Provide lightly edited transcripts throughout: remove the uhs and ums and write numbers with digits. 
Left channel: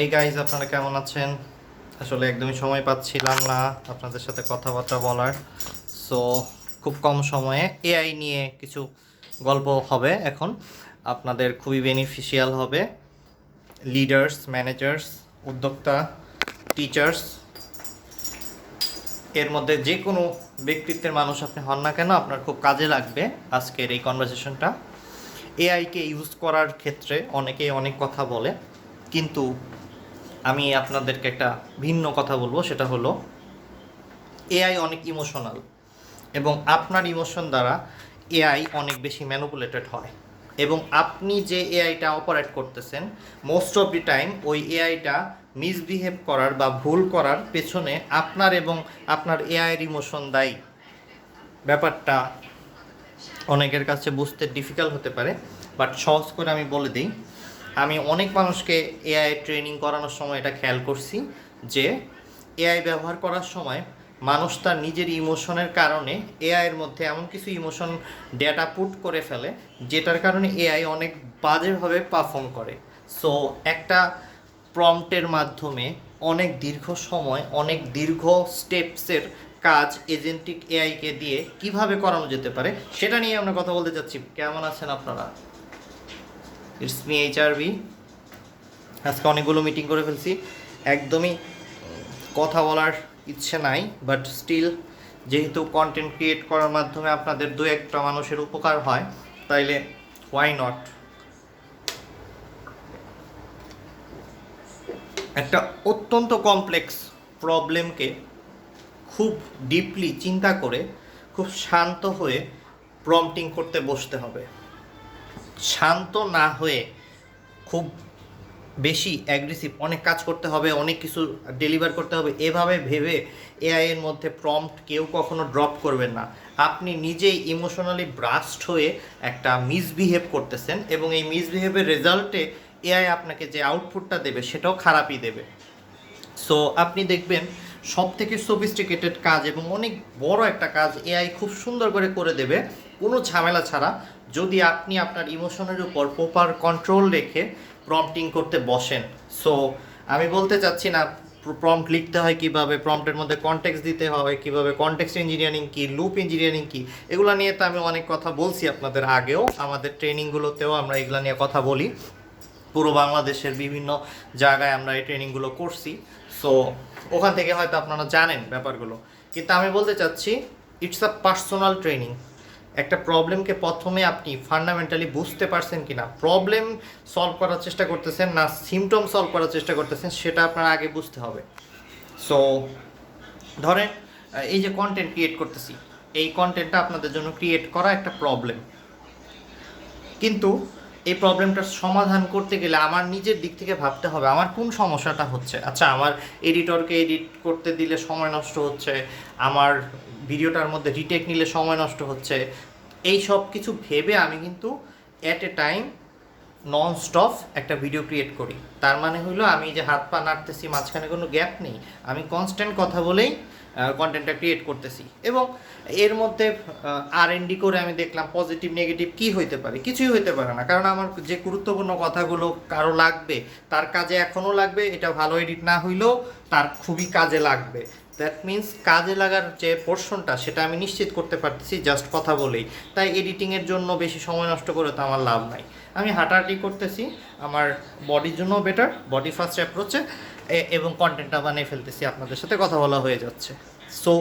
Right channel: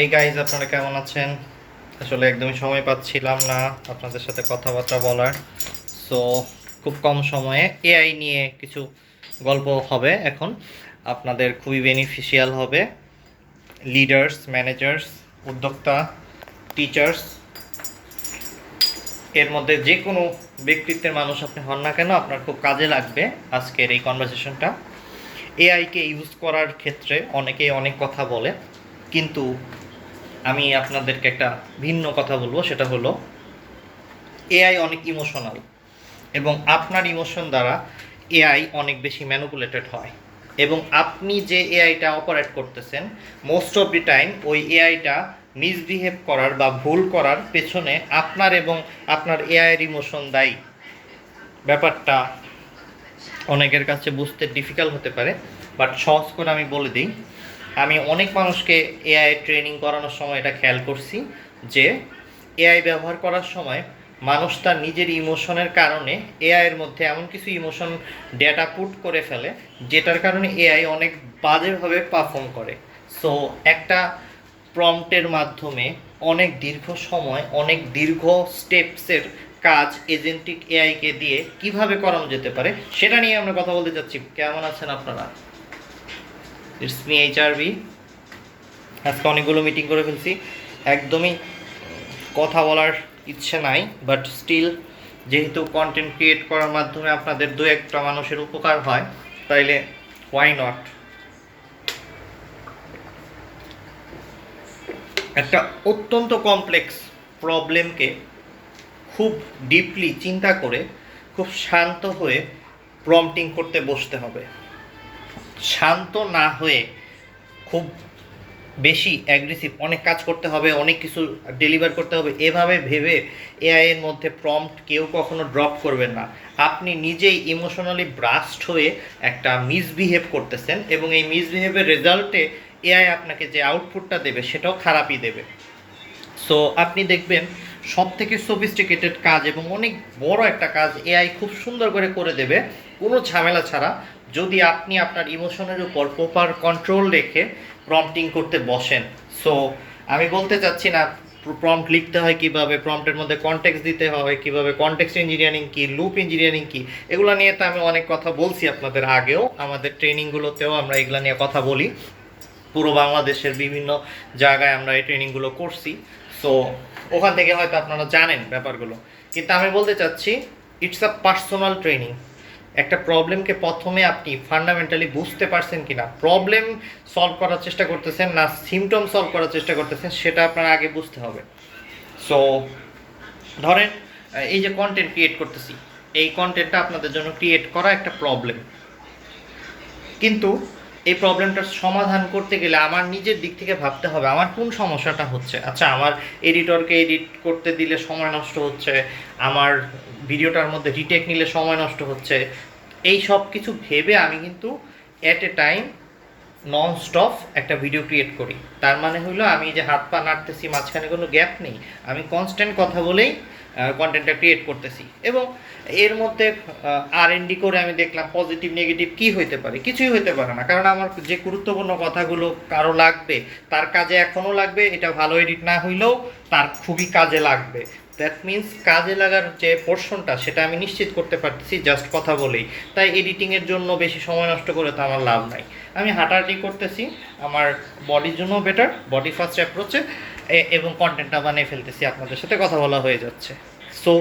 এই গাইজ, আপনারা কেমন আছেন? আসলে একদমই সময় পাচ্ছিলাম না আপনাদের সাথে কথাবার্তা বলার। সো খুব কম সময়ে এআই নিয়ে কিছু গল্প হবে এখন। আপনাদের খুবই বেনিফিশিয়াল হবে। লিডার্স, ম্যানেজার্স, উদ্যোক্তা, টিচার্স, এর মধ্যে যে কোনো ব্যক্তিত্বের মানুষ আপনি হন না কেন, আপনার খুব কাজে লাগবে আজকের এই কনভারসেশনটা। এআইকে ইউজ করার ক্ষেত্রে অনেকেই অনেক কথা বলে, কিন্তু আমি আপনাদেরকে একটা ভিন্ন কথা বলবো। সেটা হলো এআই অনেক ইমোশনাল, এবং আপনার ইমোশন দ্বারা এআই অনেক বেশি ম্যানুপুলেটেড হয়। এবং আপনি যে এআইটা অপারেট করতেছেন, মোস্ট অফ দি টাইম ওই এআইটা মিসবিহেভ করার বা ভুল করার পেছনে আপনার এবং আপনার এআইয়ের ইমোশন দায়ী। ব্যাপারটা অনেকের কাছে বুঝতে ডিফিকাল্ট হতে পারে, বাট সহজ করে আমি বলে দিই। আমি অনেক মানুষকে এআই ট্রেনিং করানোর সময় এটা খেয়াল করছি যে এআই ব্যবহার করার সময় মানুষ তার নিজের ইমোশনের কারণে এআইয়ের মধ্যে এমন কিছু ইমোশন ডেটা পুট করে ফেলে, যেটার কারণে এআই অনেক বাজেভাবে পারফর্ম করে। সো একটা প্রম্পটের মাধ্যমে অনেক দীর্ঘ সময়, অনেক দীর্ঘ স্টেপসের কাজ এজেন্টিক এআইকে দিয়ে কিভাবে করানো যেতে পারে, সেটা নিয়ে আমরা কথা বলতে চাচ্ছি। কেমন আছেন আপনারা? It's me HRB. আজকে অনেকগুলো মিটিং করে ফেলছি, একদমই কথা বলার ইচ্ছে নাই, বাট স্টিল যেহেতু কন্টেন্ট ক্রিয়েট করার মাধ্যমে আপনাদের দু একটা মানুষের উপকার হয়, তাইলে হোয়াই নট। একটা অত্যন্ত কমপ্লেক্স প্রবলেমকে খুব ডিপলি চিন্তা করে খুব শান্ত হয়ে প্রম্পটিং করতে বসতে হবে। শান্ত না হয়ে খুব বেশি অ্যাগ্রেসিভ অনেক কাজ করতে হবে, অনেক কিছু ডেলিভার করতে হবে, এভাবে ভেবে এআই এর মধ্যে প্রম্পট কেউ কখনো ড্রপ করবেন না। আপনি নিজেই ইমোশনালি ব্রাস্ট হয়ে একটা মিসবিহেভ করতেছেন, এবং এই মিসবিহেভের রেজাল্টে এআই আপনাকে যে আউটপুটটা দেবে সেটাও খারাপই দেবে। সো আপনি দেখবেন সব থেকে সফিস্টিকেটেড কাজ এবং অনেক বড় একটা কাজ এআই খুব সুন্দর করে দেবে কোনো ঝামেলা ছাড়া, যদি আপনি আপনার ইমোশনের উপর প্রপার কন্ট্রোল রেখে প্রম্পটিং করতে বসেন। সো আমি বলতে চাচ্ছি না প্রম্পট লিখতে হয় কীভাবে, প্রম্পটের মধ্যে কনটেক্সট দিতে হয় কীভাবে, কনটেক্সট ইঞ্জিনিয়ারিং কী, লুপ ইঞ্জিনিয়ারিং কী, এগুলো নিয়ে তো আমি অনেক কথা বলছি আপনাদের আগেও, আমাদের ট্রেনিংগুলোতেও আমরা এগুলো নিয়ে কথা বলি। পুরো বাংলাদেশের বিভিন্ন জায়গায় আমরা এই ট্রেনিংগুলো করছি। সো ওখান থেকে হয়তো আপনারা জানেন ব্যাপারগুলো, কিন্তু আমি বলতে চাচ্ছি ইটস আ পার্সোনাল ট্রেনিং। একটা প্রবলেমকে প্রথমে আপনি ফান্ডামেন্টালি বুঝতে পারছেন কি না, প্রবলেম সলভ করার চেষ্টা করতেছেন না সিমটম সলভ করার চেষ্টা করতেছেন, সেটা আপনার আগে বুঝতে হবে। সো ধরেন এই যে কন্টেন্ট ক্রিয়েট করতেছি, এই কন্টেন্টটা আপনাদের জন্য ক্রিয়েট করা একটা প্রবলেম, কিন্তু এই প্রবলেমটার সমাধান করতে গেলে আমার নিজের দিক থেকে ভাবতে হবে আমার কোন সমস্যাটা হচ্ছে। আচ্ছা, আমার এডিটরকে এডিট করতে দিলে সময় নষ্ট হচ্ছে, আমার ভিডিওটার মধ্যে রিটেক নিলে সময় নষ্ট হচ্ছে, এই সব কিছু ভেবে আমি কিন্তু at a time non stop একটা ভিডিও ক্রিয়েট করি। তার মানে হলো আমি যে হাত পা নাড়তেছি, মাঝখানে কোনো গ্যাপ নেই, আমি কনস্ট্যান্ট কথা বলেই কন্টেন্টটা ক্রিয়েট করতেছি। এবং এর মধ্যে R&D করে আমি দেখলাম পজিটিভ নেগেটিভ কী হইতে পারে, কিছুই হইতে পারে না, কারণ আমার যে গুরুত্বপূর্ণ কথাগুলো কারো লাগবে, তার কাজে এখনও লাগবে, এটা ভালো এডিট না হইলেও তার খুবই কাজে লাগবে। দ্যাট মিন্স কাজে লাগার যে পোর্শনটা সেটা আমি নিশ্চিত করতে পারতেছি জাস্ট কথা বলেই। তাই এডিটিংয়ের জন্য বেশি সময় নষ্ট করে তো আমার লাভ নাই, আমি হাঁটাহাঁটি করতেছি, আমার বডির জন্য বেটার, বডি ফার্স্ট অ্যাপ্রোচে, এবং কন্টেন্টটা বানিয়ে ফেলতেছি, আপনাদের সাথে কথা বলা হয়ে যাচ্ছে। সো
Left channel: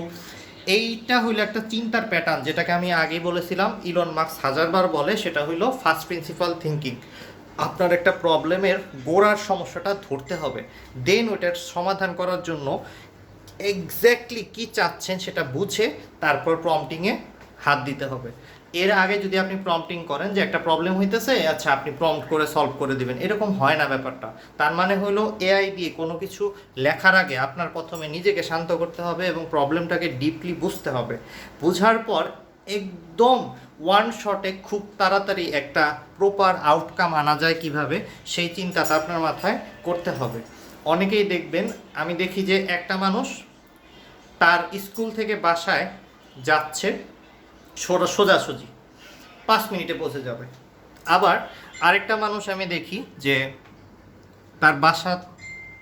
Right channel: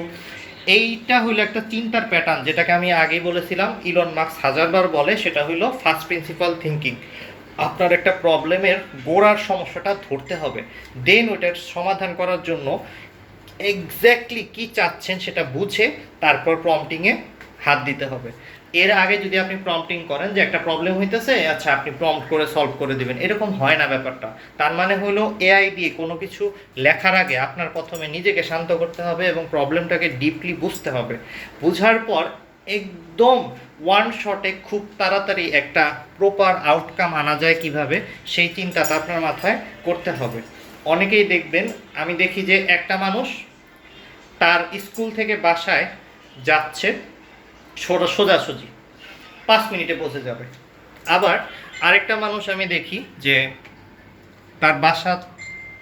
এইটা হইলো একটা চিন্তার প্যাটার্ন, যেটাকে আমি আগেই বলেছিলাম, ইলন মাস্ক হাজারবার বলে, সেটা হইলো ফার্স্ট প্রিন্সিপাল থিঙ্কিং। আপনার একটা প্রবলেমের গোড়ার সমস্যাটা ধরতে হবে, দেন ওইটার সমাধান করার জন্য এক্স্যাক্টলি কী চাচ্ছেন সেটা বুঝে তারপর প্রম্পটিংয়ে হাত দিতে হবে। এর আগে যদি আপনি প্রম্পটিং করেন যে একটা প্রবলেম হইতেছে, আচ্ছা আপনি প্রম্পট করে সলভ করে দিবেন, এরকম হয় না ব্যাপারটা। তার মানে হলো এআই দিয়ে কোনো কিছু লেখার আগে আপনার প্রথমে নিজেকে শান্ত করতে হবে এবং প্রবলেমটাকে ডিপলি বুঝতে হবে। বুঝার পর একদম ওয়ান শটে খুব তাড়াতাড়ি একটা প্রপার আউটকাম আনা যায় কিভাবে, সেই চিন্তাটা আপনার মাথায় করতে হবে। অনেকেই দেখবেন, আমি দেখি যে একটা মানুষ তার স্কুল থেকে বাসায় যাচ্ছে সোজাসুজি 5 মিনিটে পৌঁছে যাবে। আবার আরেকটা মানুষ আমি দেখি যে তার বাসা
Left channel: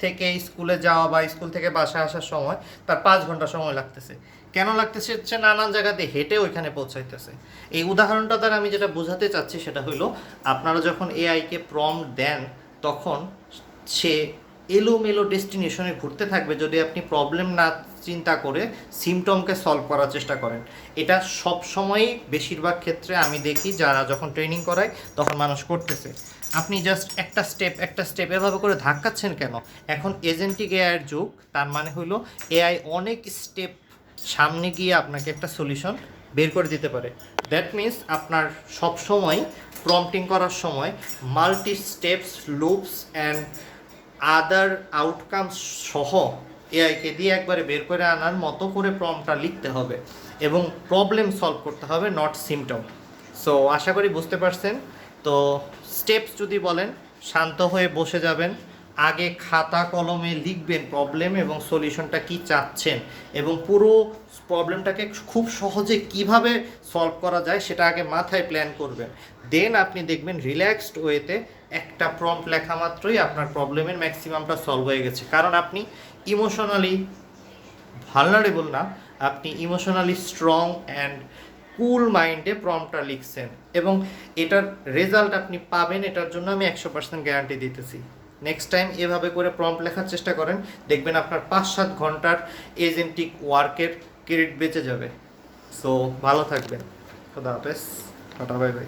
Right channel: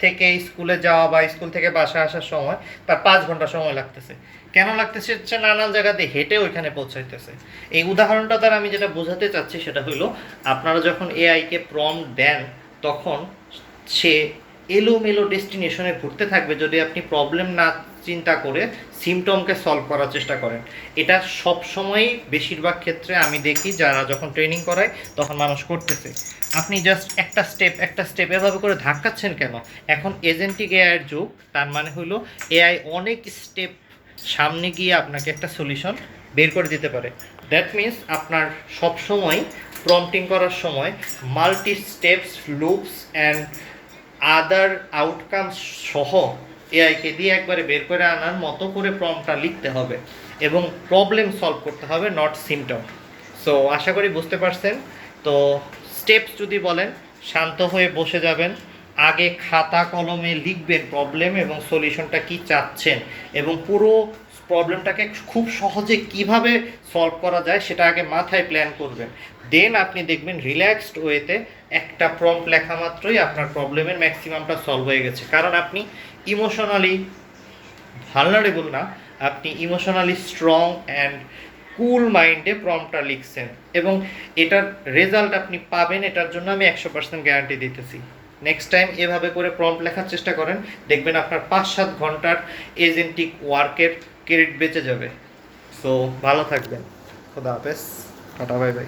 থেকে স্কুলে যাওয়া বা স্কুল থেকে বাসায় আসার সময় তার 5 ঘন্টা সময় লাগতেছে। কেন লাগতেছে? হচ্ছে নানান জায়গাতে হেঁটে ওইখানে পৌঁছাইতেছে। এই উদাহরণটা দ্বারা আমি যেটা বোঝাতে চাচ্ছি সেটা হলো, আপনারা যখন এআইকে প্রম্পট দেন তখন সে এলোমেলো ডেস্টিনেশনে ঘুরতে থাকবে যদি আপনি প্রবলেম না চিন্তা করে সিমটমকে সলভ করার চেষ্টা করেন। এটা সব সময়ই বেশিরভাগ ক্ষেত্রে আমি দেখি যারা যখন ট্রেনিং করায় তখন মানুষ করতেছে। আপনি জাস্ট একটা স্টেপ এভাবে করে ধাক্কাচ্ছেন কেন? এখন এজেন্টিক এআইয়ের যুগ, তার মানে হলো এআই অনেক স্টেপ সামনে গিয়ে আপনাকে একটা সলিউশন বের করে দিতে পারে। দ্যাট মিন্স আপনার সবসময় প্রম্পটিং করার সময় multi steps, loops and other outcomes সহ এআইকে দিয়ে একবারে বের করে আনার মতো করে প্রম্পটটা লিখতে হবে এবং প্রবলেম সলভ করতে হবে, নট সিমটম। সো আশা করি বুঝতে পারছেন। তো স্টেপস যদি বলেন, শান্ত হয়ে বসে যাবেন, আগে খাতা কলমে লিখবেন প্রবলেম এবং সলিউশনটা কি চাচ্ছেন এবং পুরো প্রবলেমটাকে খুব সহজে কিভাবে সলভ করা যায় সেটা আগে মাথায় প্ল্যান করবেন। দেন আপনি দেখবেন রিল্যাক্সড ওয়েতে একটা প্রম্পট লেখা মাত্রই আপনার প্রবলেমের ম্যাক্সিমামটা সলভ হয়ে গেছে। কারণ আপনি ইমোশনালি ভালনারেবল না, আপনি ইমোশনালি স্ট্রং অ্যান্ড কুল মাইন্ডে প্রম্পটটা লিখছেন এবং এটার রেজাল্ট আপনি পাবেন, এটার জন্য আমি 100% গ্যারান্টি দিতেছি। নেক্সট টাইম এভাবে করে প্রম্পট লেখার চেষ্টা করেন, দেখবেন আপনার 5-7 ঘন্টার এজেন্টিক ওয়ার্কের ক্রেডিট বেঁচে যাবে। সো ভালো থাকবেন, খোদা হাফেজ, টাটা, বাই বাই।